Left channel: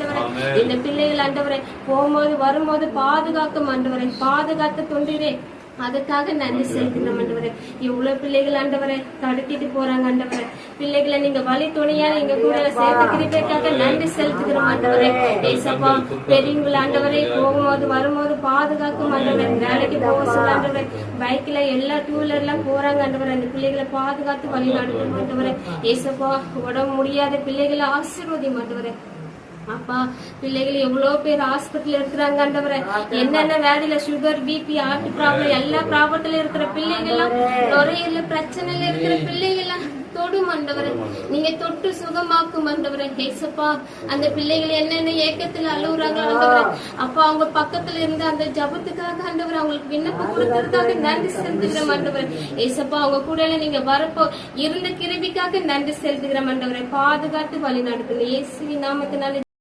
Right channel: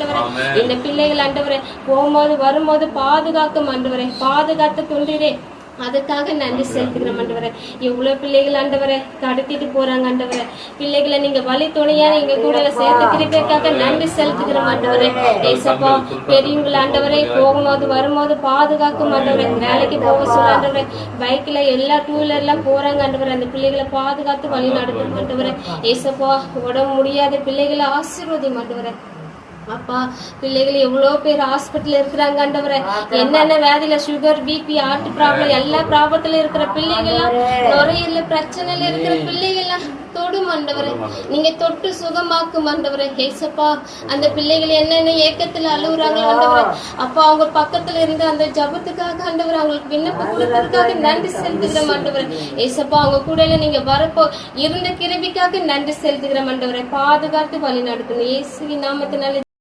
ஆண்டவரே. இந்த பிள்ளைகள் ஆண்டவரே போகும்போது வரும்போது பாதுகாக்கும் ஆண்டவரே, பாதுகாத்து கொண்டிரே. அதுக்காக நன்றி செலுத்துகிறோம் ஆண்டவரே. எவ்வளவு பிள்ளைகள் ஆண்டவரை கடத்திட்டு போறாங்க ஆண்டவரை. பிள்ளைகளை நீங்க வழி துணையா நீங்க கூட சேர்த்து கிருபைக்காக நன்றி செலுத்துகிறோம் ஆண்டவரே. ஏசப்பா பெரியவங்களை ஆண்டவரை போகும்போது வரும்போது பாதுகாக்கும் ஆண்டவரை. வேலைக்கு போக சொல்ல ஆண்டவரை, பைக்ல எல்லா டூ வீலர்லாம் போறாங்க ஆண்டவரை. அந்த பிள்ளைகளை பாதுகாத்து வழி நடத்தும் ஆண்டவரை. ஏசப்பா உடம்பு முடியாத பிள்ளைகளை ஆசீர்வதி ஆண்டவரை. அப்பா பிள்ளைகள் எவ்வளவு பேர் ஹாஸ்பிட்டல் இருக்கிறாங்க ஆண்டவரை. என்னென்ன வேதியில சுகர், பிபி, ஹார்ட் ப்ராப்ளம் எல்லா ப்ராப்ளத்துல இருக்கிற பிள்ளைகள், நுரையீரல் பிரச்சனையில இருக்கிற பிள்ளைகள் தொடும் ஆண்டவரை. நீங்க தொட்டு சுகமாக்கும் ஆண்டவரை. ஏசப்பா அந்த பிள்ளைகள் என்னென்ன ஏக்கத்துல அழுகுறாங்களோ ஆண்டவரை, அப்பா அவங்க பக்கத்துல இருந்து அந்த ஜபத்துக்காக ஆண்டவரை அவங்களுக்கு விண்ணப்பத்துக்காக நன்றி செலுத்துகிறோம் ஆண்டவரை. ஏசப்பா அவங்க கூட நீங்க வரப்போ இருந்த கிருபிக்காக நன்றி செலுத்துகிறோம் ஆண்டவரை. பாதுகாத்து வழி நடத்தணும் இயேசுவின் நாமத்தினால.